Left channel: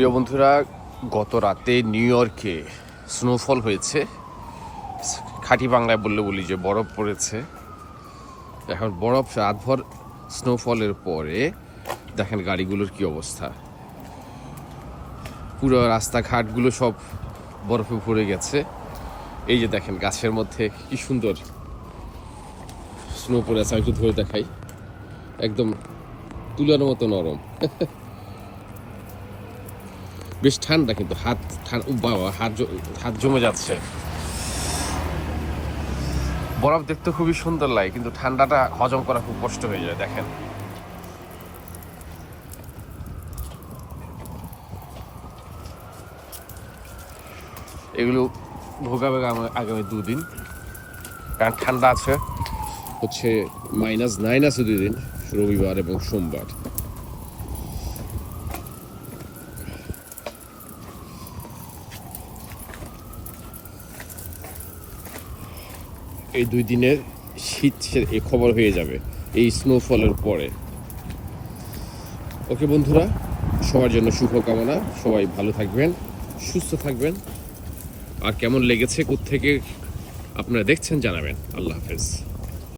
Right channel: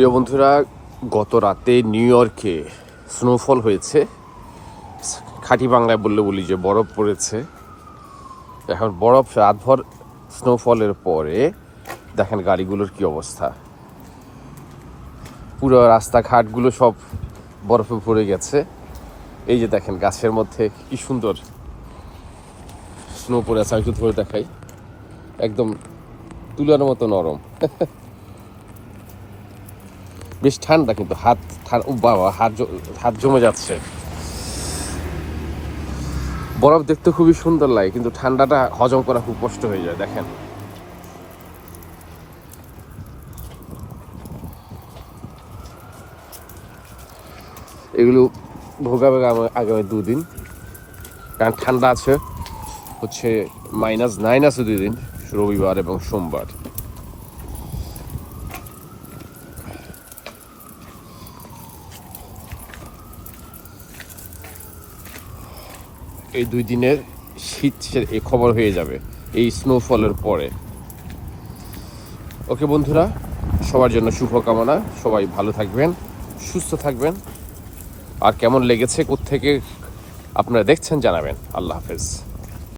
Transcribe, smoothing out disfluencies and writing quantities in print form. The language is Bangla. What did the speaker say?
প্রিয় বন্ধুরা, গত রাতে নিউ ইয়র্কে স্নোফল হয়েছে। খাঁটি বাংলায় বলি যে বরফ পড়েছে। এখন বরফ রাতভর স্নোফলের পরে দেখেন গাড়িগুলোর কি অবস্থা। পুরো রাস্তাঘাটগুলো সব বরফে ভরে গেছে। এই যে দেখেন গাছের মধ্যে কি সুন্দর স্নো পড়ে আছে। আমি একটু ধরে দেখাই, একদম তুলার মতো নরম। বেশ ঠান্ডা, কিন্তু হাত জমে যাচ্ছে। বরফ দেখতে খুবই সুন্দর লাগে, কিন্তু ঠান্ডাটা হজম করা খুব কষ্ট হয়ে যায়। দেখেন এগুলো ভোগাবে আগামী 2 দিন, কারণ ঠান্ডা আছে। হচ্ছে -9 আছে 2 দিন, রবিবার এবং সোমবার। এই 2 দিনের শীত এই খবর হয়ে যাবে এই স্নোফলের পরে। ওকে বন্ধুরা, সবার জন্য শুভকামনা। সবাই ভালো থাকবেন, সুস্থ থাকবেন। আর কেমন লেগেছে, কোত্থেকে আপনারা দেখছেন জানাবেন। আল্লাহ হাফেজ।